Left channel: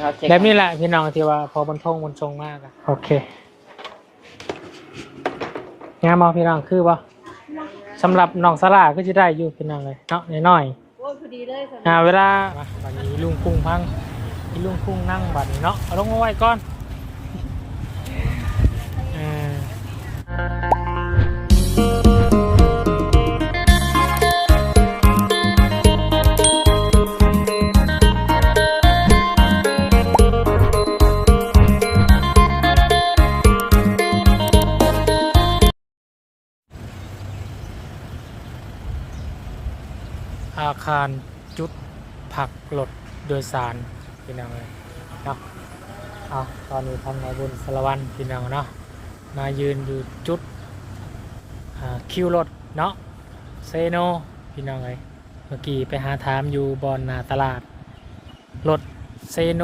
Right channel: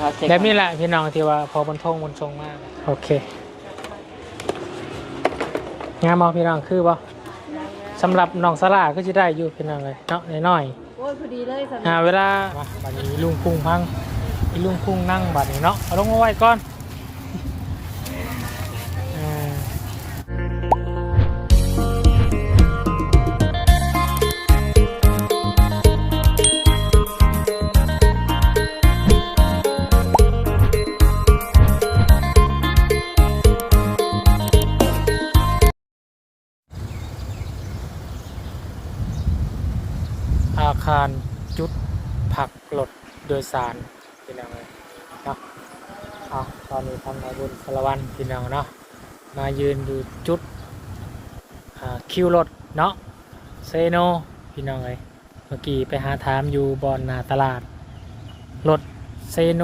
เขาเช็คแบบนี้แหละพี่น้องที่ว่าพอบนทงบนชงมากอะโอเคงามมอพี่น้องคือบ่สำหรับน้องสลาก็จะได้อยู่พี่น้องเลยเนาะน้อยโอ้ยพอดีเลยค่ะ ๆอ่าเวลามาบัดนี้ลุงพุ่งพังพี่ลุงพุ่งนั่งบัดนี้เนาะเอาลงมาไว้ก่อนาคารจุดผักรถโดยสารพี่น้องเลยเนาะเอาตอนนี้ทางนายบุญสารวันพี่น้องเนาะมายืนอยู่จุดคิวรถเนาะเซโนพี่น้องเลยเมื่อกี้ไปหาถามอยู่บอนนาตลาดรถเซโน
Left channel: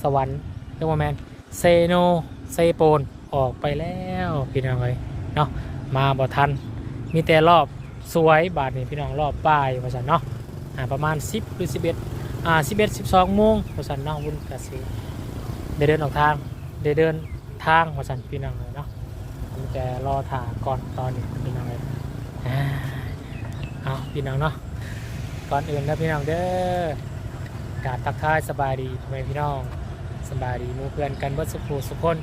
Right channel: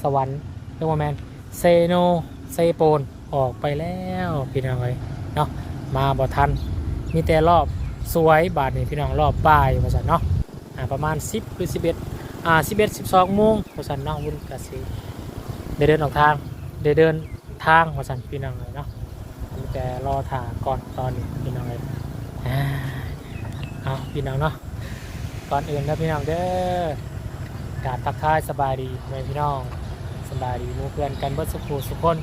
สวรรค์เรียกว่าแมนเซโนเซโปนออกไปแล้วพี่น้องเลยเนาะมาบ่ทันมีแต่รอบสวยบาทนี่พี่น้องรอบบ่ายว่าสันเนาะ ประมาณ 10หรือ11อ่า11 12โมงว่าสันเนาะวุ่นกะสิได้เดินออกทางได้เดินทางว่าสันพี่น้องเลยเนาะมีแต่รอถ่าก่อนตอนนี้พี่น้องเลยอ่าเอาพี่น้องเนาะก่อนอื่นนะพี่น้องเด้อกาบทักทายสบายดีพ่อแม่พี่น้องสบายดีมูเพื่อนกันเบิดสุขสุขคน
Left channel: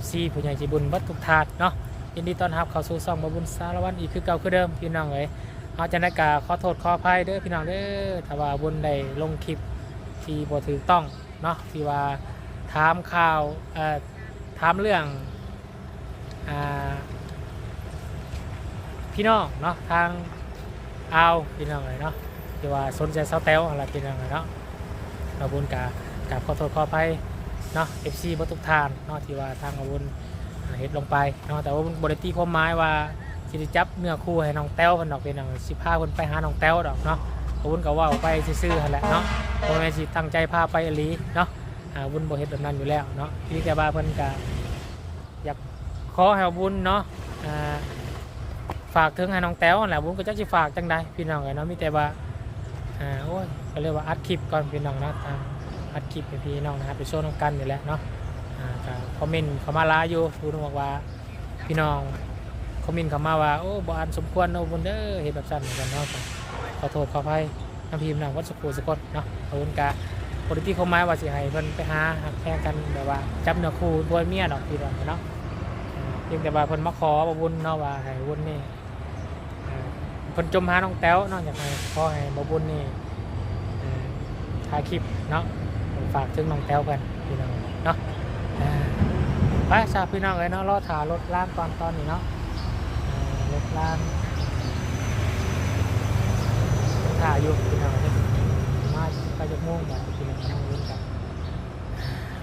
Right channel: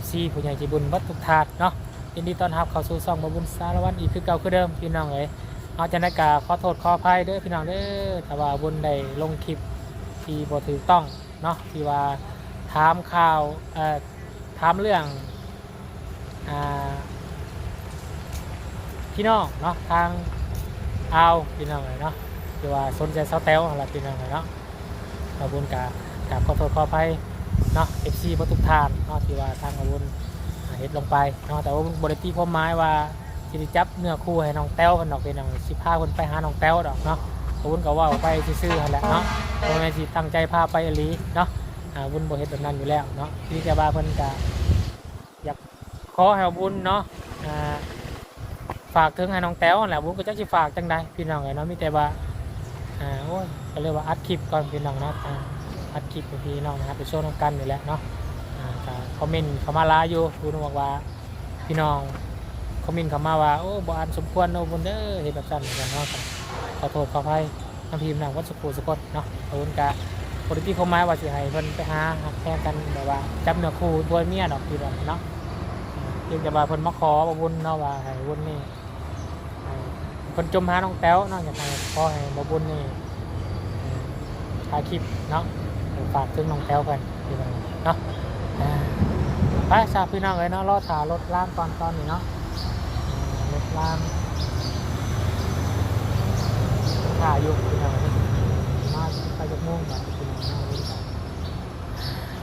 FC ผู้ใหญ่ใจบุญเบัดทุกทาสเนาะยินดีต้อนรับเข้าสู่ซองบาบุญสารวันอีกคือเก่าคือเดิมพี่น้องเอ้ย เอาจันทกาขอโทษขออภัยเด้อพี่น้องเด้อถ้าว่าบุญได้ลงคลิปที่บ่ถูกต้องเนาะที่ว่าถามข่าวเอ่อถามเรื่องอ่าพี่น้องเนาะทางเอาพี่น้องเลยเนาะที่ว่าสนใจเสาแต้วอะไรพี่น้องเลยเนาะเราบุญกากราบขอโทษขออภัยเนาะ FC บ่ทุกทานเนาะที่ว่าทางอาบุญเฮ็ดลงไปเนาะแต่ว่าบริตีความหมายว่า สิได้จับเนื้อคู่ให้น้องแต้วเพิ่นดอกเป็นน้องสิพาเพิ่นไปหาน้องแต้วดอกเนาะก็วุ้นก็ว่าไปซื่อๆหั่นแหละเนาะบ่แม่นสิตั้งใจพาไปอีหลีเนาะอ่าวุ้นบ่เฮ็ดแบบนั้นอยู่แล้วเนาะที่แต่ว่าเพิ่นก็อยากขอให้วุ้นเนาะอ่าฝากถึงให้น้องแต้วนั่นแหละวุ้นก็จักสิฝากจังใดพี่น้องเอ้ยเนาะมีแต่ว่าอ่าโอ้ยก็เรียกว่าอัดคลิปก่อนพี่น้องเนาะทางอัดคลิปให้พี่น้องนะครับไปโชว์น้องกันนี่แหละเนาะอ่าก็คอมเมนต์เข้ามาหลายอยู่พูดบอกว่าพี่น้อง คอมเมนต์เข้ามาว่าโอ้บอันสมควรเนาะบนเด้อเห็นแบบสั้นเหมือนกันเนาะขอโทษขออภัยน้ำพิมพ์นางวัดสุขุสกดเนาะขอบคุณกะปกติเขามาว่าสิให้เพิ่นไปหาหักแพงกันแบบว่าจับเนื้อคู่บวยเมียดอกพี่น้องเนาะอ่าเพียงแต่ว่าเพิ่นมาขอบ่บุญเนาะว่าให้บุญนี่อ่าเพิ่นจมหาน้องแต้วเนาะอยากให้ขอให้บ่บุญนี่อ่าถ่ายคลิปเนาะฝากถึงน้องแต้วเพิ่นพี่น้องเนาะไปสาพี่น้องเลยเนาะรอถารถล่างก่อนตอนนี้เนาะ รถล่างถ่ายอยู่พี่น้องมาไปจากม่วงก่อนพี่น้องนั่งลุ้นกัน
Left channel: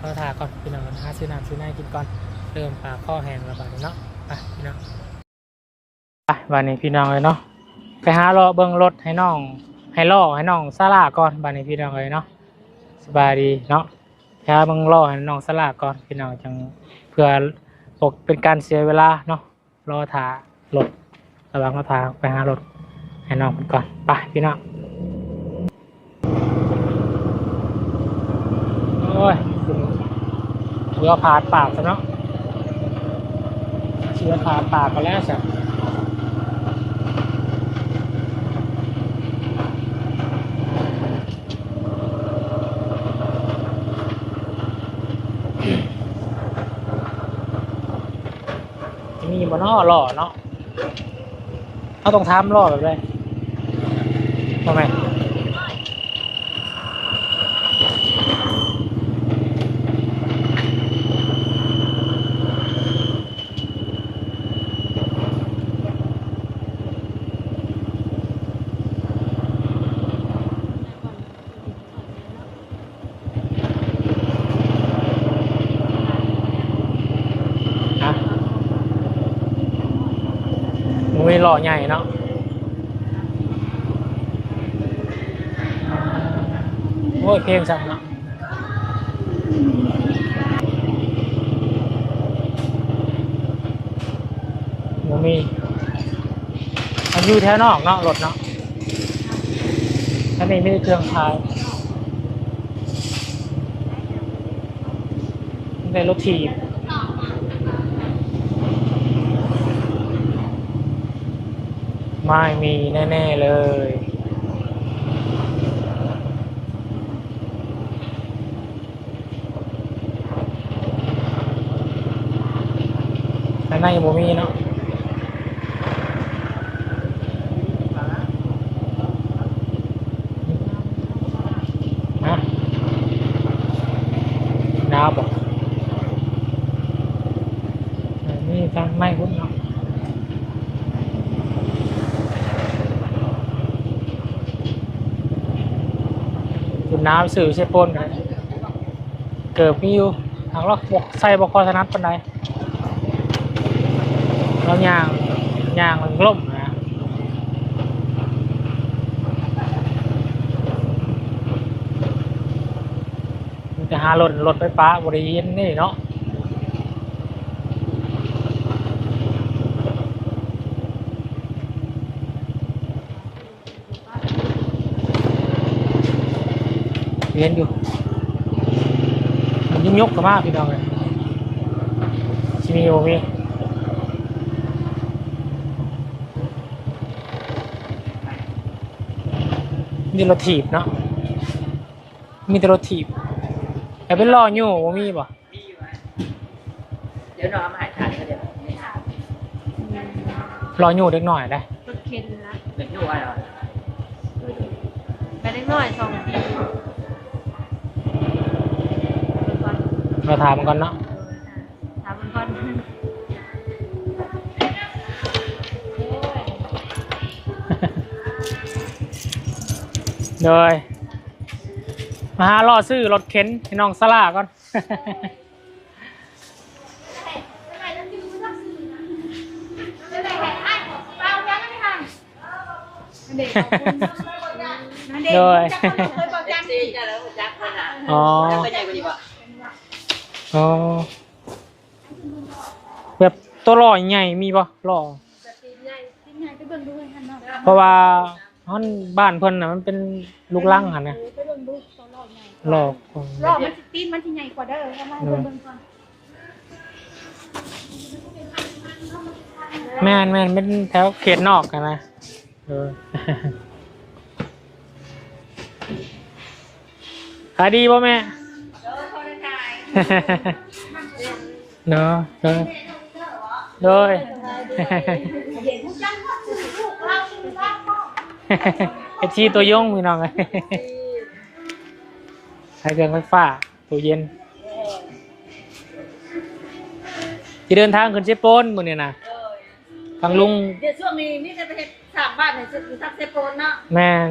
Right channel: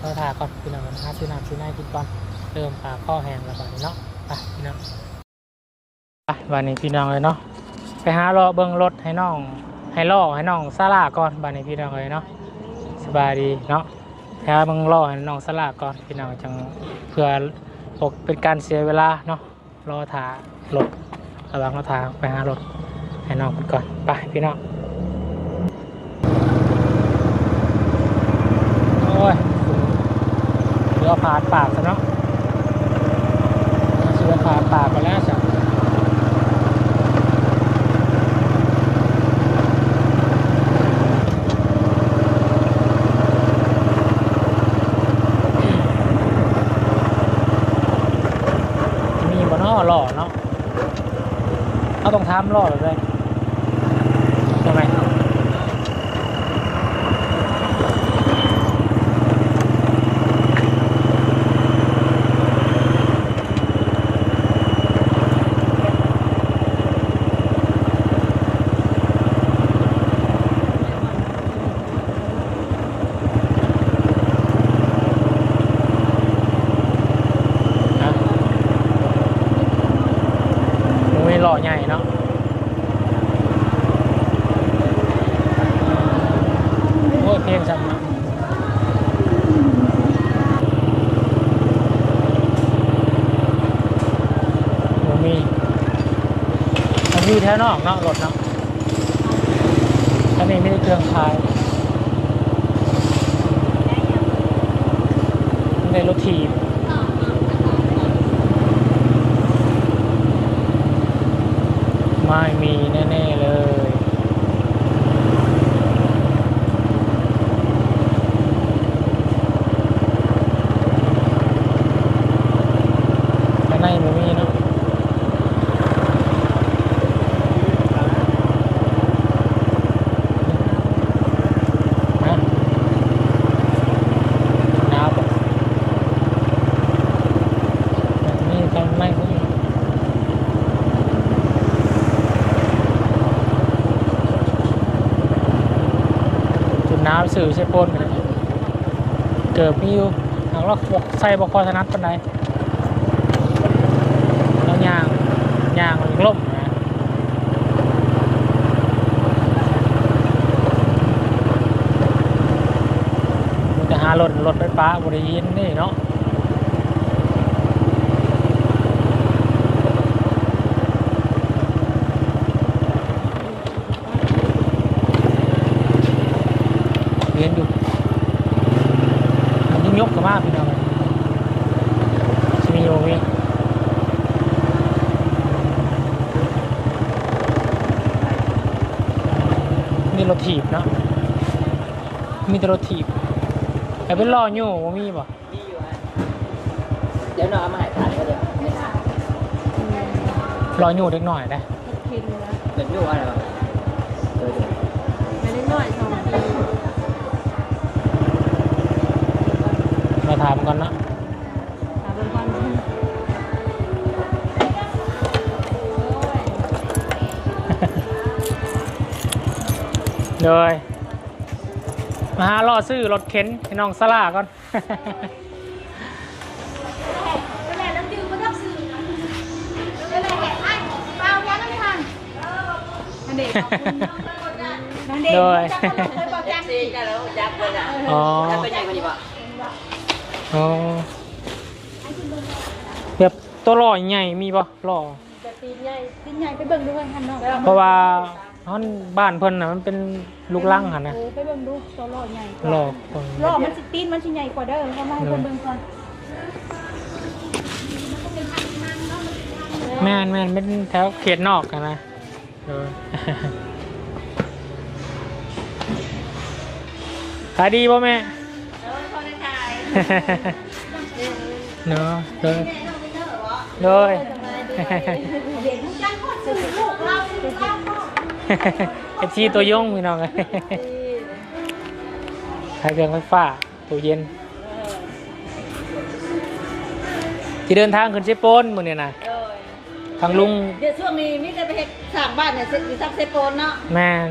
รอถ่ายก่อนพี่น้องกันหาซื้อน้ำซื้อน้ำกินก่อนเริ่มปลาข้อแห้งแล้วบาดเนาะไปพี่น้องไปบาดนี้พี่น้องเลยเนาะไปหารอเบิ้งรถให้น้อง ให้ล่อให้น้องซาลาก่อนบาดนี้พี่น้องเลยเนาะสบายดีเนาะถ้าบังรอให้น้องสลาก่อนพี่น้องจังเพื่อปกเป็นการเสียเวลาเนาะรอถ่ารถ ระวังราทาไปหารถให้น้องเพิ่นก่อนไปพี่น้องโอ้ยเรือผานปากซะเนาะเชือผาดปากไปแล้วจ้ะมีบ่เนาะหล่อเนาะ เอาตรงทำหล่อแบบไรยั มันไม่หล่อใหญ่เนาะโอ้ยเพลงสั่งเนาะมีมันอยู่แถวนอกเนาะรถเนาะอันนี้ไม่ได้เครื่องขายในรถถีบ ไม่มีแน่ ๆ เลยข้างในบ่มีเนาะฮะหนาวปะแบบนี้ข้างในบ่มีเนาะจุดน้ำ สื่อใช่ปนเกิดวิวหลังลอกบกใส่บกคอถนัดปันใดเราย่างย่างมันล่มนะจะหารถรถไฟฟ้าบริยินนี่เนาะเรียนอยู่ มันยิ่งยกขึ้นมากพี่น้องเลยชิมีโอมี มีร ถถีบเนาะมีแต่รถถีบแต่เป็นล้ออยู่ว่ามีป่ะมีอยู่ฮะเดี๋ยวน้องเอามาใหายถ่ายก็เดี๋ยวล้ออยู่เล็กหน่อยได้รถเข็นอยู่นะเป็นอยู่อะไรวะเออไปเล็กน้อยสองนาที เราถามมันก่อนเนาะ เลยมาหาล่อซื้อรถเข็นให้น้องสลาก่อนเลยซีเนี่ยแล้วยักษ์ไว้นะอ๋อยักษ์ไว้ใหญ่กว่านี้ป่ะอ๋อแบบตัวล้อใหญ่มีป่ะล้อจะตีนใหญ่ตีนใหญ่ไปเบิ่งด้วยคันน้องเพราะว่า ท่อนบ้านเพิ่นน่ะมันเป็นลูกลังค่ะนะเออไปเบิ่งดูโซโล่ใหญ่ล้อเพิ่นรอบมันสิตีนมันสิใหญ่กว่าเด้อเอามาให้เบิ่งก่อนแม่นแม่นเป็นแถวเขตนอกอะนะเออ ขายดีป่ะแม่เนาะเลยเลย ไอชีตัวยงพี่น้องขายเครื่องไฟฟ้าตัวเย็นที่เดินทางขึ้นเชฟโปนมือเนี่ยนะทางลุงเดี๋ยวช่วงนี้มีแต่ไปเฮ็ดสร้ามบ้านเนี่ยเสร็จมีซักเซโปนเนาะแม่น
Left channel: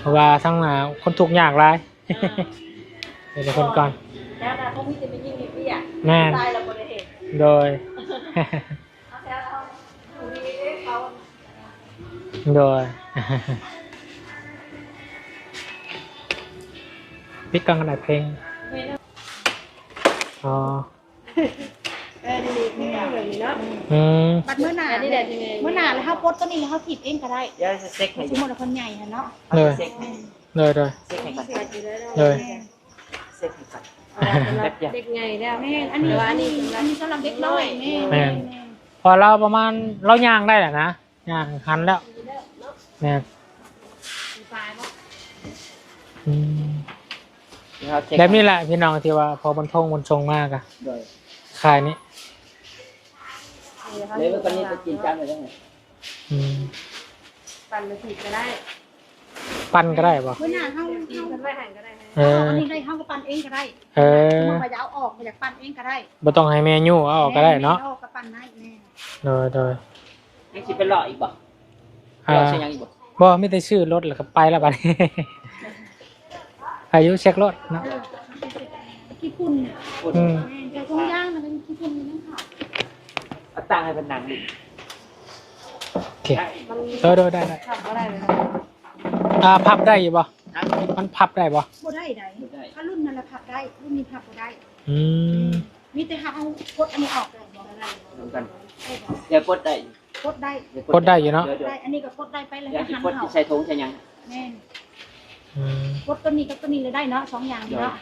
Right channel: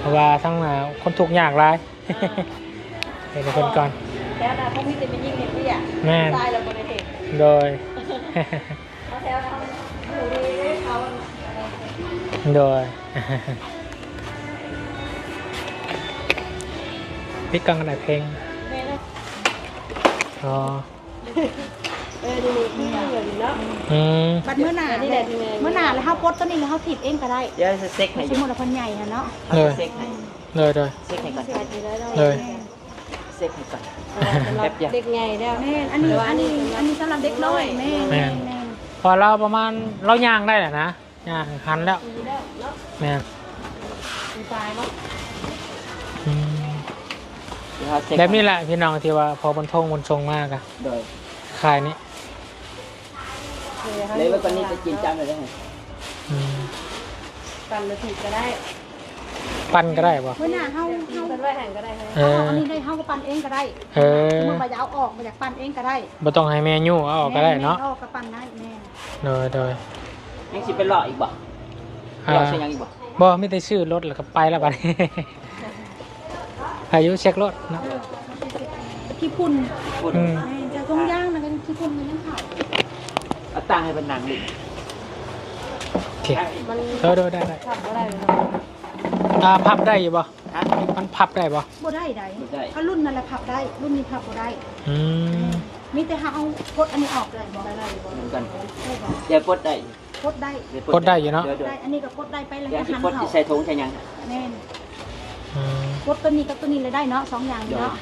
เพราะว่าทั้งหนาคนทุกข์ยากหลายเดี๋ยวคนก่อนแล้วนะเขามีแต่เป็นยิ่งเห็นพี่อะแม่นตายเราคนในเด็กโดย โดยพี่กังอะไรเพลงอ๋อเออดีๆพี่อะแบบนี้เนาะอืมบัดมื้อหน้าอันนี้นี่แหแหละละที่แม่มื้อหน้าแล้วเฮากดตัวนี้แล้วเฮาผิดเองก็ได้เดี๋ยวจะเซ็กให้สอมยู่มุติว่าเพิ่นใหญ่หั่นเนาะเอาจะเซ็กให้เลยเลยเซ็กให้ก่อนเลยเซ็กให้ก่อนสำหรับเด็กใหญ่เนี่ยแม่นอันนี้อันนี้อันนี้สำหรับเด็กน้อยแม่แม่นพอเราประมาณเราย่างได้แหละนะ ย่างหันแล้วแม่นตายเนาะอืมเดี๋ยวเอาเซ็กแบบนี้แหละพี่น้องที่ว่าพอบนทงบนชงมากอะโดยขายนี้เลยว่าตอนนี้จะกินจานอะไรไงอืมปั่นหรือผิดก็ได้ปั้นก็ได้ปะมื้อหน้าเฮาเฮาปั่นไว้หันก็ได้ไหมเอเอาออันนี้ได้เฮาก็ปั่นเองก็ได้เออมันก็จะเอาออกมาจากปั่นเองก็ได้บ่ต้องให้แม่ยู่เอาออกก็ได้เนาะออกก็ปั่นได้แม่โดยโดย ยังสิเป็นหล่ออีกบ่หอ่าล่อใช่ยังอีกบ่บ่ไม่ได้ชื่อรถแล้วก็ไปแล้วบัดนี้อายุเช็ครถเนาะที่พุ่นพูดอืมแม่แต่ตรงย่างนะกันที่พุ่นมันยังเผาเอาตังค์ให้เป็นนางดิโอเคโดยโดยได้ได้อ่าพับได้อยู่บ่ฮะมันพับได้บ่บ่ได้ใดบ่ได้ถ้ารุ่นนั้นแหละพับได้ รุ่นนี้พับบ่ได้ อืมมีแต่หาเอากดอันนี้ออกเลยบ่ได้บ่เหมือนกันได้บ่เดี๋ยวกดได้ กดได้เยวกดได้อยู่เนาะเดี๋ยวได้อันนี้ก็กดได้ไปแล้วเดี๋ยวก็สิหันกดเขาสิใส่ถุงใส่ยังแม่นอืมกดตัวนี้กับตัวนี้เลยได้เนาะสองอย่างนี้เนาะ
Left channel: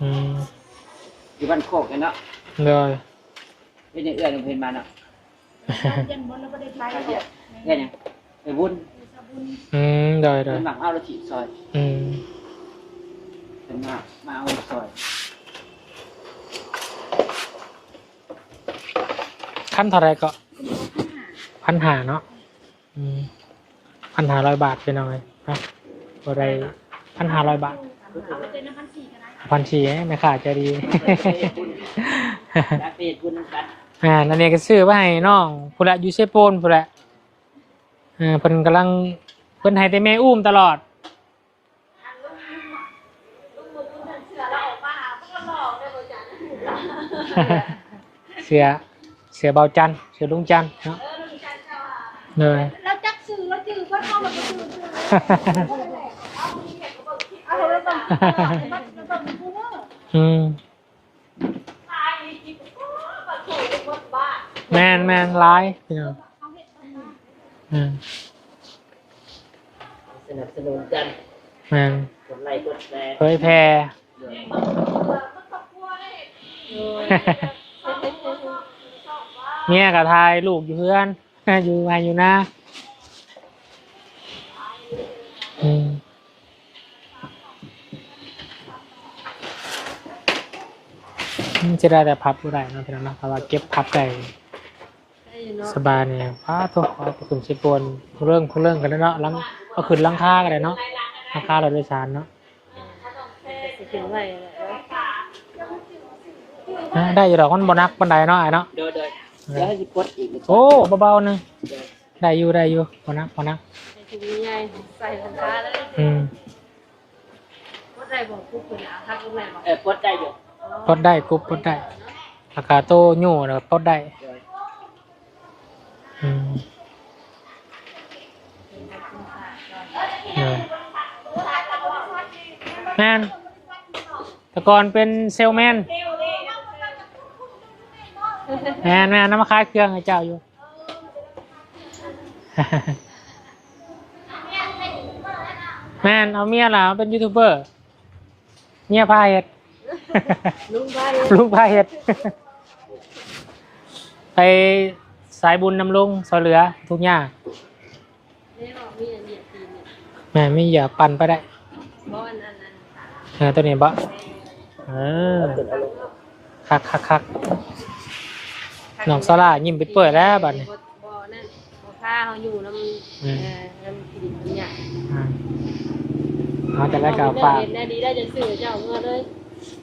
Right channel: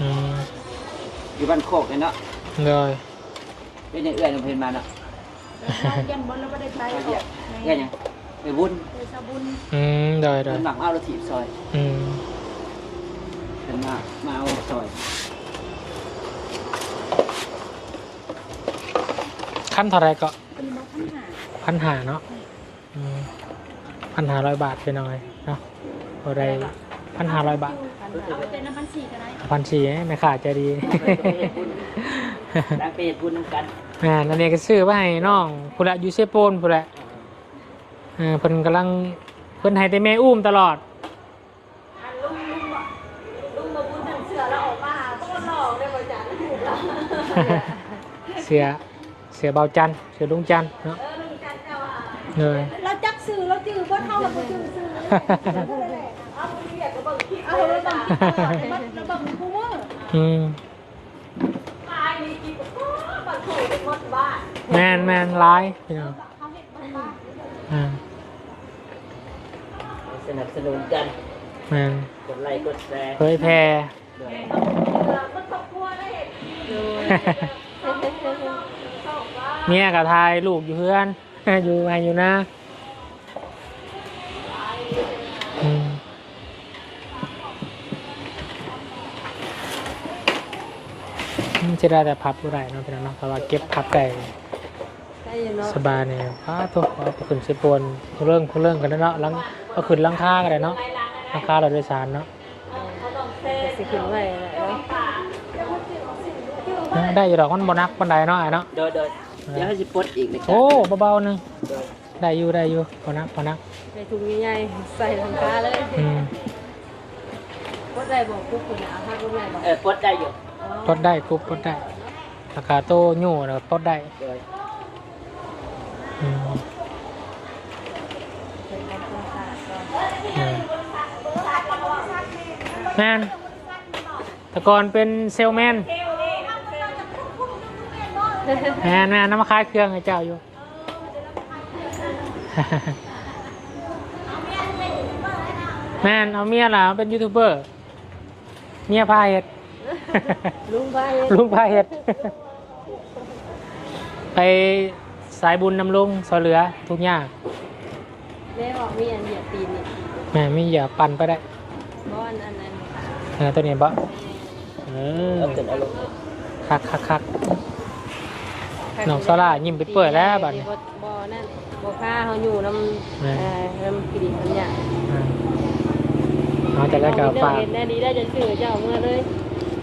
อืมอยู่บ้านโคกเลยเนาะเลยเป็นอย่างเอื้อยน้องเพลินมาเนาะยันบนแล้วก็ได้ไปไปเรียกเรียกหยังไปวุ้นไปสาบุญอืมเลยเลเพิ่ยนหมักเอาแล้วถีบซอยอืมเพิ่นมามาเอาซอยขั้นเท่าไรก็ พันหาเนาะอืมพันหาร้อยบาทไปหน่อยนะอะไรพันหาร้อยบาทเอาไปเต้นน้ำพันสี่ก็ได้พันชีแม่ขาใจดีแล้วไปเฮ็ดบุญนำกันอ่านั่นเองก็ซื้อไว้ให้น้องผู้ละอยูเซโปนผู้ละอ่าเพิ่นกำลังเพิ่นให้แต่แม่อุ้มตลอดอันลุงลุงบอกลุงมาพูดถึงเสือเราออกมาหาพวกหลอกได้บ่จ๊ะเสือเสือเบาจันทร์เสือลุงจันทร์เนาะ เลย เราจักสื่อเราจือว่าเข้าเราไปสื่อสื่อเอาเรียก็บอกคิดเอาเราบังเราบังกูเมื่ออืมตายนี่จริงโอ้บัดโถหมดบ้านแมนแมนร้ายเขาเห็นบ้างบ้างอ่าสนับสนุนกันแมนกดไลค์กดแชร์เผยแพร่มันตกครัวได้ดูเมียกับทายลูกอยู่เพื่อน อยู่มาอยู่นะอืมอืมจะได้แต่พับก็ได้เนาะพี่น้องเนาะแต่ว่าเก็บพับได้ได้เนาะสบายเนี่ยอ้าตัวเอาไปขึ้นสิปวนเรื่องผู้เรื่องกันแล้วเนาะลังเอาขึ้นลังค่ากันเลยเนาะลังค่าเราโดยสารเนาะสิขึ้นไว้แล้วอ่าได้อยู่ดอกมันบนักบันไดเนาะไอ้เนาะ เด้อเด้อเดี๋ยวให้สิปลดอีกเลยโอ้เบาๆหนึงได้อยู่ได้อยู่บนักบนักในถุงใหญ่ใส่ลงฟ้าเลยอืมก็ได้บอกพวกคุณนะถ้าคุณแม่บอกเออปลดได้อยู่ปลดได้กรุบปลดได้ราคาโตโย่เนาะปลดได้เด้ออืมอืมแมนแต่ก่อนเป็นเซลแมน แมนแมนน้ำมาขายเครื่องให้เจ้าอยู่ แมนเอาเมียล่ะเป็นยูทูบเบอร์เมียพาเห็ด ลุงไปลูกพาเห็ด ไปสายบุญนำลุงซอยเหลือ ทุกอย่างแม่บอกมีอันเหยียบตีนนี่แม่ไม่อย่าปั่นไปได้เพราะอันอันนั้น เออตัวนี้บะเออเอาขึ้นเอาลงคักคักคัก น้องซาร่ายิ้มไปเปิดแล้วบัดนี้ บ่นั่นบ่ค่าเขาอยู่น้ำเอ่อน้ำกินน้ำยาอืมเอาแต่ละเจ้าฝากเห็นได้ดีได้จะซื้อเจ้าเมื่อเลย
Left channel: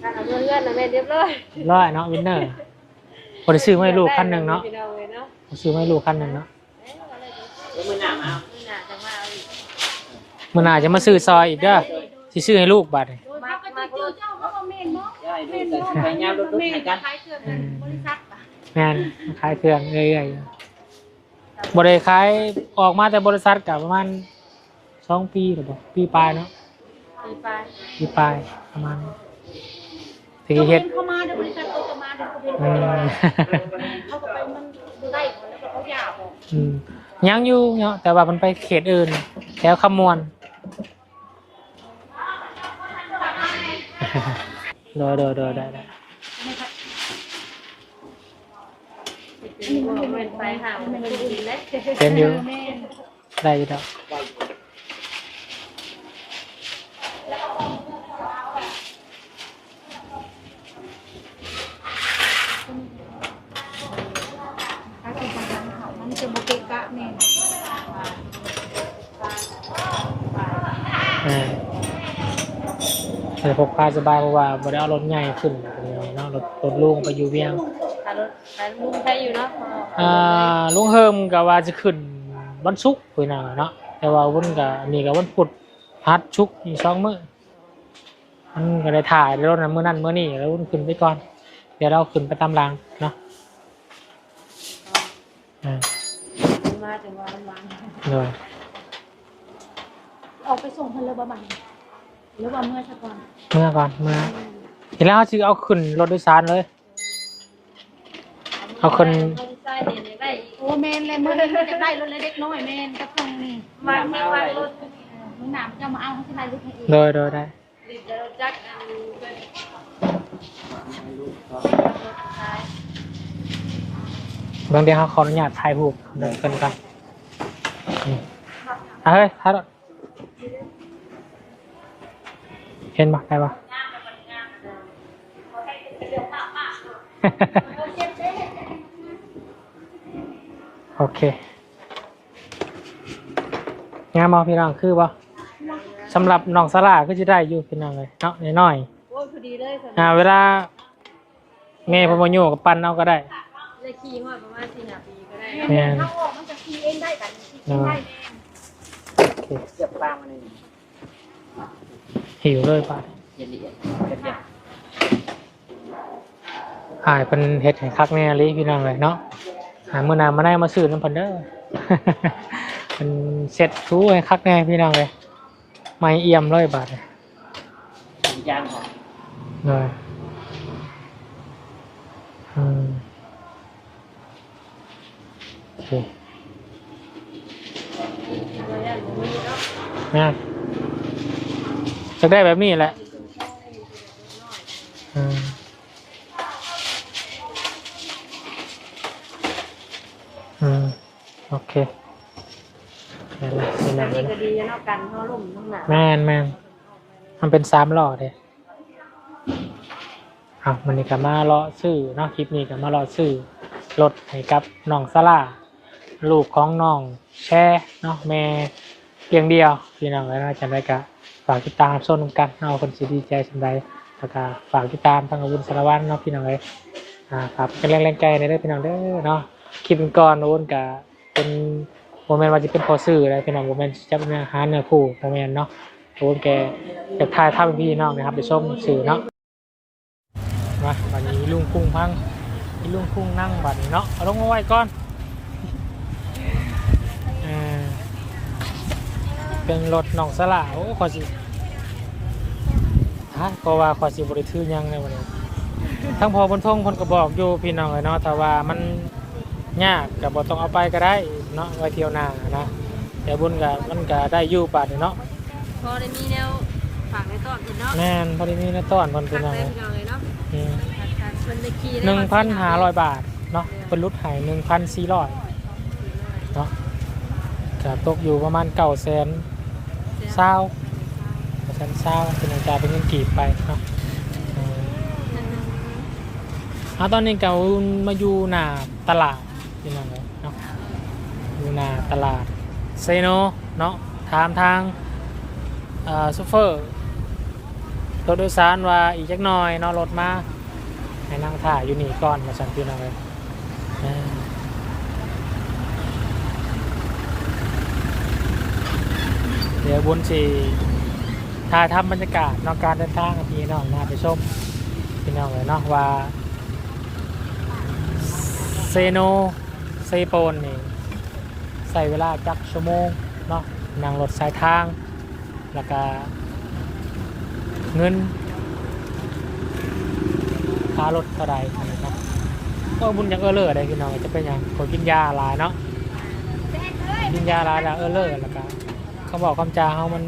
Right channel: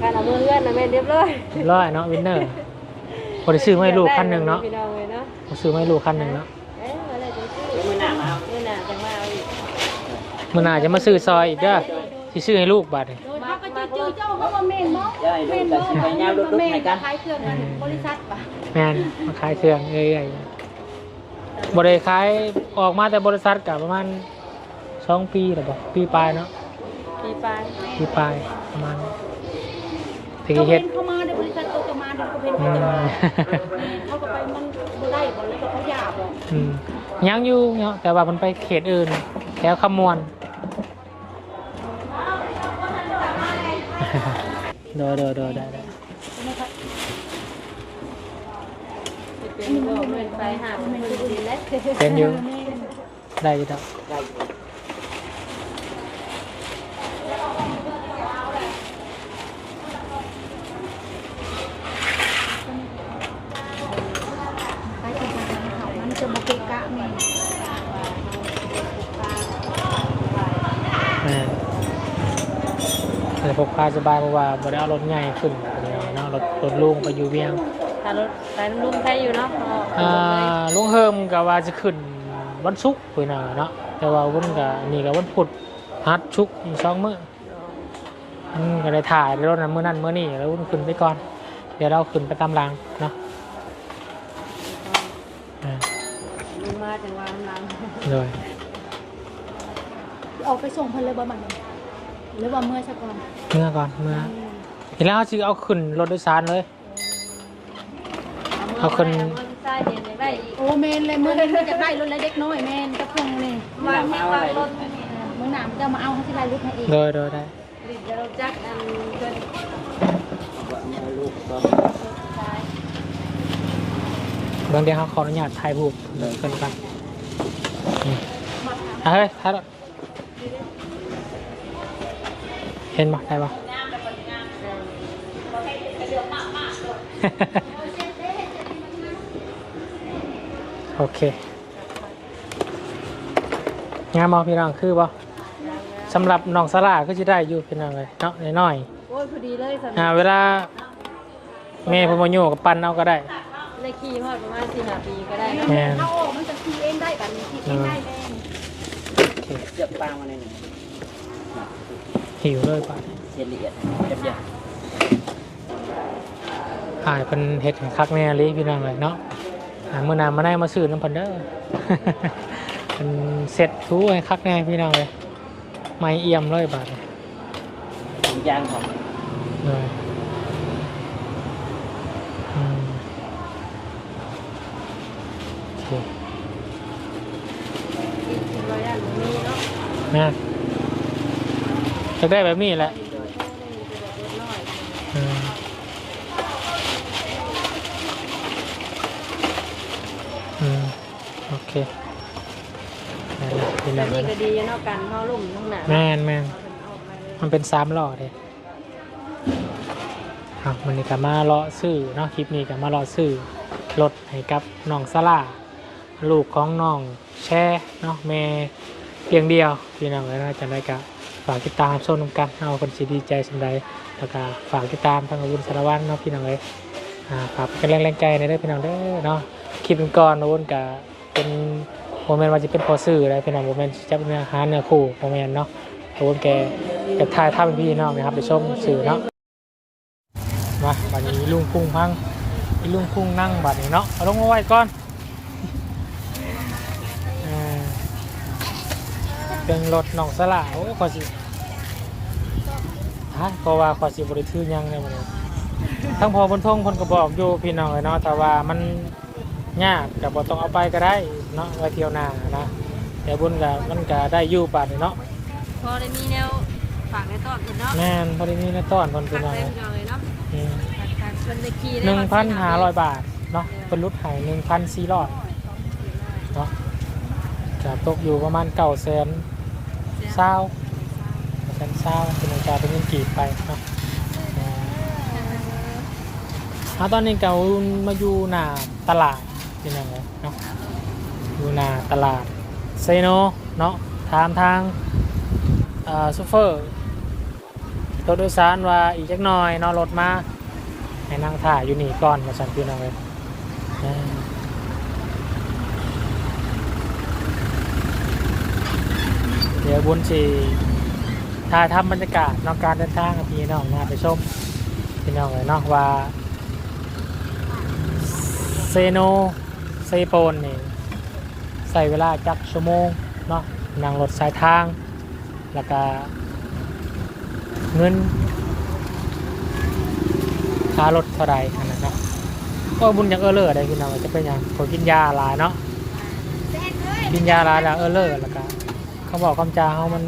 การเอาเมื่อกันนะแม่เรียบร้อยร้อยเนาะวินเนอร์บริซื้อไม่ลูกขั้นหนึ่งเนาะพี่น้องเลยเนาะบ่ซื้อไม่ลูกขั้นหนึ่งเนาะเอ๊ะเมื่อไรจะซื้อเดี๋ยวมื้อหน้ามาเอาเมื่อหน้าจะมาเอาอีก มื่อหน้าจะมาซื้อซอยอีกเด้อที่ซื้อให้ลูกบัดนี้โดยถ้าก็ จะจือเจ้าเขาว่าเมนเนาะเดี๋ยวให้ดูกันสิไปยาวลุกๆให้กัน ขายเครื่องบริษัทป่ะแม่นมาขายเครื่องเรื่อยๆบริขายออกมาแต่บริษัทกับประมาณสองปีหรือเปล่าปีปลายเนาะปีปลายปีปลายประมาณถึงเจ้าเฮ็เห็ดนเข้ามาในบริษัทเขาจะมาเดี๋ยวเขาเป็นอืม เขาก็ไปมันไล่บ่แล้วก็เขาหยาบบ่อืมยังอยู่เนาะแต่ว่ามันไปเขตอื่นแถวขมวน เดอเดอเดอได้ได้จะเป็นพวกเว้นไปหามันไม่ได้ดีเลยเป็นอยู่แม่นได้อยู่ดอก ได้อยู่ มันจะบ่เกะกะแม่น อ่า แต่พกพาสบายเพราะว่าบ่ได้เอารถใหญ่ขึ้นอะไรเนาะรถรถลุงไปอยู่เวียงถ้ารถถ้าลุงใครอยู่เนาะอ่าลุงเฮิมก็ว่าจะขึ้นวันศุกร์พุ่นน่ะเนาะแต่ว่าวันก็นี่ก็วันพุธฮัดชุกร์อีกสองมื้ออืมก็ได้ถ่ายรถนั้นมื้อนั้นมื้อนี้แล้ววันขึ้นไปก่อน เดี๋ยวเราขึ้นไปตามหลังเนาะอ่ามาถึงวันนั้นเลยออกไปส่งเพิ่นเลยบ่บัดนี้ หรือว่าเมื่อซะก่อนเมื่อก่อนเมื่อทีแล้วเขาสิเอาขึ้นรถโดยสารเลย เอาคนใช่เดี๋ยวได้อีกโอ้แม่นเลยมื้อนี้จะได้รถเล็กๆน้อยแม่นกับทงนี่มื้อหน้ามาเอาอะไรมื้อหน้าจะมาเอาเขาสิไล่รถให้เองโดยโดยได้เดิจะรู้จักอันเพิ่นลูกต้องชายบางเดียวเขาขออนุญาตถ่ายรูปเดินกันกันนี่อะเฮ้ยถ่า เห็นปะได้ปะโอเคงามมอพี่น้องคือปะสำหรับน้องสลาก็จะได้อยู่พี่น้องเลยเนาะน้อยโอ้ยพอดีเลยค่ะๆอ่าเวลาแม่เพนโมยูกับปั้นเอาก็ได้ในขี่ฮอดประมาณสี่ห้าปีก็ได้แม่นเอาออกมันจะขี่เองได้กันขี่เองได้แน่โอเคเลือกปางมาในนี้ หิวเลยป่ะเสียละเอียดเรียบหายเป็นเห็ดให้คักแน่เลยพี่น้องเลยเนาะหาเมื่อนานมาได้มาซื้อน้ำเพันเด้อเป็นเสร็จทูให้คักแน่พี่น้องเลยไม่เอี่ยมเลยบาทเลยๆย่างของเลยอืมโอเค ร้อยอันนี้เนาะ นะ จะได้แบบนี้แหละอืมโอเคนี่นะนี่แบนะบนี้ก็ดีเนาะกันเขาลุ่มทั้งหนาแม่นแม่นมันเป็นสามหล่อเลยเอามันนี่ก็มาเลาะซื้อเนาะคลิปนี้ก็มาเลาะซื้อรถให้กับน้องซาร่าลูกของน้องแช่เนาะแม่เพียงเดียวพี่น้องแล้วนะจำได้ก็ ฝากติดตามชมกันเอาคนสิดีใจสำใดแล้วก็ฝากติดตามทางอาวุธสารวัตรเนาะพี่น้องเลยอ่าฝากเป็นแรงแรงใจในเด้อพี่น้องเด้อเนาะคลิปก่อนอาวุธก็เป็นโมเมนต์ว่าจะเป็นพอซื้ออะไรพี่น้องโมเมนต์จะเป็นอาหารเนื้อคู่โมเมนต์เนาะโอ้แกจะทายถ้าเป็นพี่น้องนะครับไปชมสื่อเนาะมาบัดนี้ลุงพุ่งพังลุงพุ่งนั่งบัดนี้เนาะเอาลงมาไว้ก่อนเป็นรถหนองสลาโอ้ขอสิ ฮะก็ว่าขอสิบริทือหยังเลยวันนี้ทั้งพอบนทงคนก็บอกอยู่พี่น้องเลยเนาะแต่ว่ามันยากกับบต้องเอาไปก็ได้เนาะไว้เที่ยวหน้านะแต่บุญกับมันก็ได้อยู่บาดนี้เนาะพอได้มีแนวฝากในตอนเพิ่นเนาะแม่นพอดีนี่นะต้อนคนเป็ฝานกอะไรเต็มเลยเนาะฝากการเพิ่นไปขี่หนึ่งพันห้าร้อยบาทเนาะเป็นรูปหายหนึ่งพันสี่ร้อยเนาะจะตกอยู่ประมาณเก้าแสนเศร้าแส นเศร้าเป็นอัตราเป็นเงินกีบไปเนาะอ่าเอาตอนนี้เก่ามาอยู่หน้าตลาดเป็นยังไงเนาะอยู่หน้าตลาดเซโนเนาะถามทางซูเฟอร์รถโดยสารว่าอีกจักหน่อยเนอนรถมาให้นั่งถ่ายอยู่นี่ก่อนมาสั่นพี่น้องเลยเดี๋ยวบุญสี ถ่ายทำบรรยากาศนอกการเดินทางกับพี่น้องนะไปชมพี่น้องเลยเนาะว่าเซโนเซโปนนี่ใส่เวลาจักชั่วโมงเนาะนั่งรถสายทาง แล้วก็เงินค่ารถเท่าไรขนาดนั้นก็บุญยังเออเลอร์ได้พี่น้องจะเป็นอย่างคนกินยาหลายเนาะกินยาหลายแล้วเออเลอร์แล้วก็เขาบอกคำจาเขามัน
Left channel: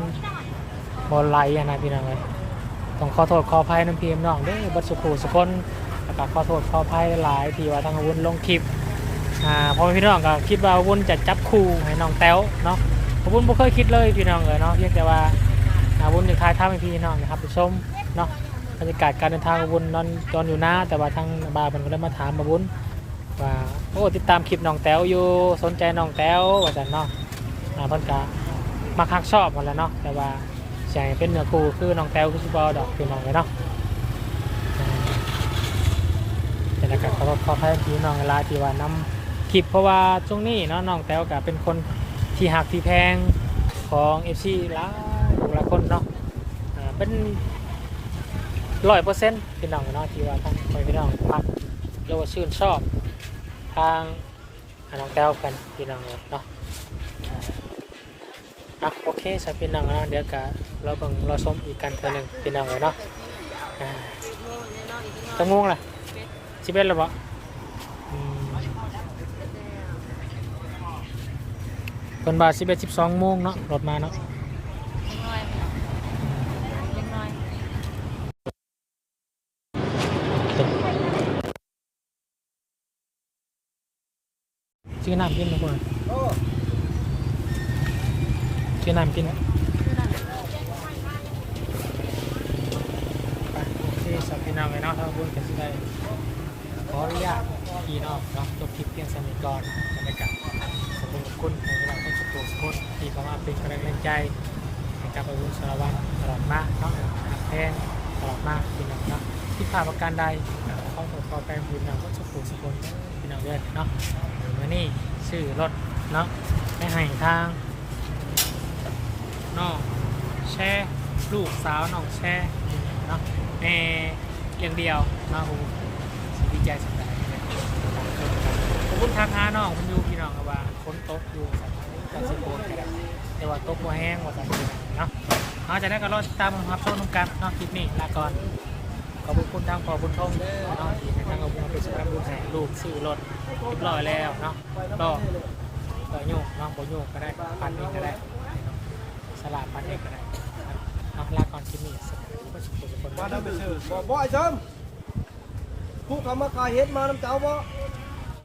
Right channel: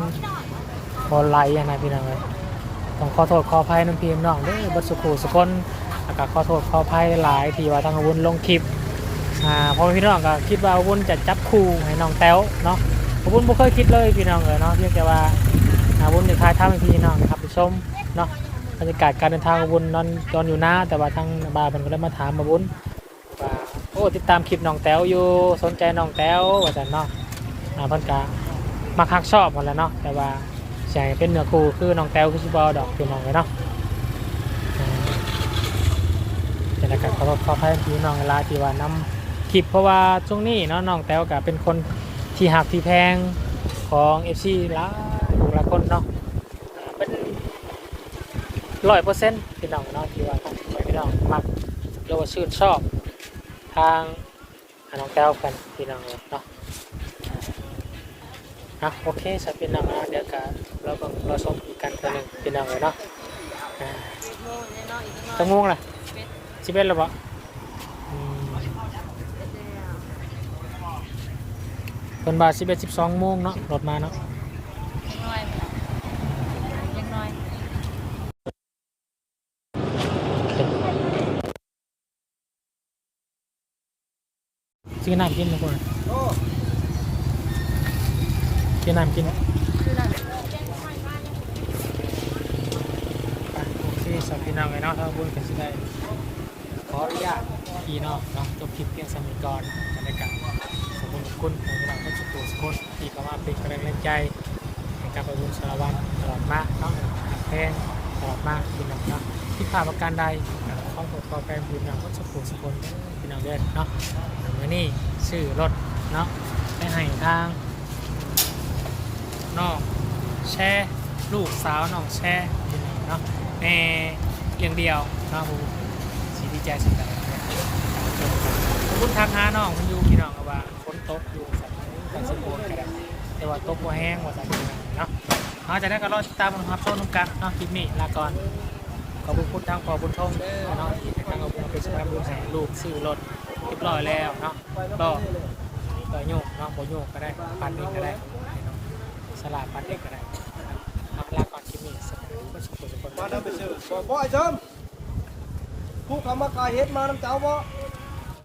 บอลไลอะนะพี่น้องเลยต้องขอโทษขออภัยน้ำพีมน้องเด้อบัดสุขูสุคนแล้วก็ขอโทษขออภัยหลายที่ว่าทางอาวุธลงคลิปอ่าพอพี่น้องก็คิดว่าอาวุธจะจับคู่ให้น้องแต้วเนาะอาวุธไม่เคยคิดเลยพี่น้องเลยเนาะเพียงแต่ว่าอาวุธในคลายท่าให้พี่น้องนะครับไปชมเนาะบรรยากาศการเดินทางอาวุธนอนนอนอยู่หน้าแต่ว่าทางบาร์มันก็ได้มาถามอาวุธว่าโอ้ติดตามคลิปน้องแต้วอยู่สนใจน้องแต้วว่าจันเนาะอ่าเพิ่นกะมาคักชอบหมดแล้วเนาะแต่ว่า ใช่เป็นเนื้อคู่คือน้องแต้วคือสิบอดอกพี่น้องเลยเนาะอ่าแต่ละกันขอขอให้พี่น้องเวลาที่ว่านำคลิปเพราะว่าช่วงนี้เนาะน้องแต้วกับเป็นคนที่หักที่แพงของเอฟซีหลายหลายคนเนาะเป็นร้อยเปอร์เซ็นต์พี่น้องเนาะที่ว่าทางพี่น้องมักหรือว่าชื่นชอบ ทางน้องแก้วกันพี่น้องเลยเนาะะโอเคสับพี่น้องนะเดี๋ยวกะเราบังเราชมอีกกันเท่านึงพี่น้องเลยเนาะอ่าจะง่วงล่ะชิเบ็ดหรือเปล่าตอนบ่ายสิบเอ็ดสิบสองโมงเนาะรถมาเนาะซื้อน้ำกินทุกคน ชื่น้ำกินนะโอเคสับพี่น้องไอ้เนาะถ้าบุญก็สิได้ขออนุญาตพี่น้องเนาะจบคลิปเพียงสมิก่อนบรรยากาศขอบคุณขอบคุณของพี่น้องทุกคนทุกคนที่เข้ามาเป็นกำลังใจให้กับอาวุธสารวัตรตลอดมาเนาะหลักแพงตลอดมาพี่น้องเนาะที่ผ่านประการใดข้อขอขอแปลงบุญนำก็สุขสุขคนพี่น้องเด้อเนาะวันนี้ซื้อรถเนาะให้ให้ทาง น้องแช่ลูกสาวน้องแช่เนาะแม่เลี้ยงเดียวเนาะผมสีดีใจสุดใจเนี่ยตามชมกันขอบคุณทางหาน้องคุณยูพี่น้องก็ว่าฝนตกอยู่สัตว์กันสิโปนกันได้แต่ว่าตกว่าแห้งว่าตอนนี้เนาะเอาจากนั้นก็รอติดตามมันครับต้นน้ำกันเนาะคลิปนี้ลาก่อนขอบคุณทางพอบุญทงเด้อเนาะที่ทางเอาบุญเอาไปสำหรับบุญให้ลูกซื้อรถเรียบร้อยแล้วเนาะก็ต่อโยกเนาะบ่โยกก็ได้ปันเองก็ได้ ลาปันเอกอะได้ครับเอาลาก่อนคลิปนี้สมัยดีก็สุขสุขคนมาได้ไปเชิญบอกบ่ไอ้เชิมผู้คำว่ากายเฮ็ดมาน้ำเจ้าบ่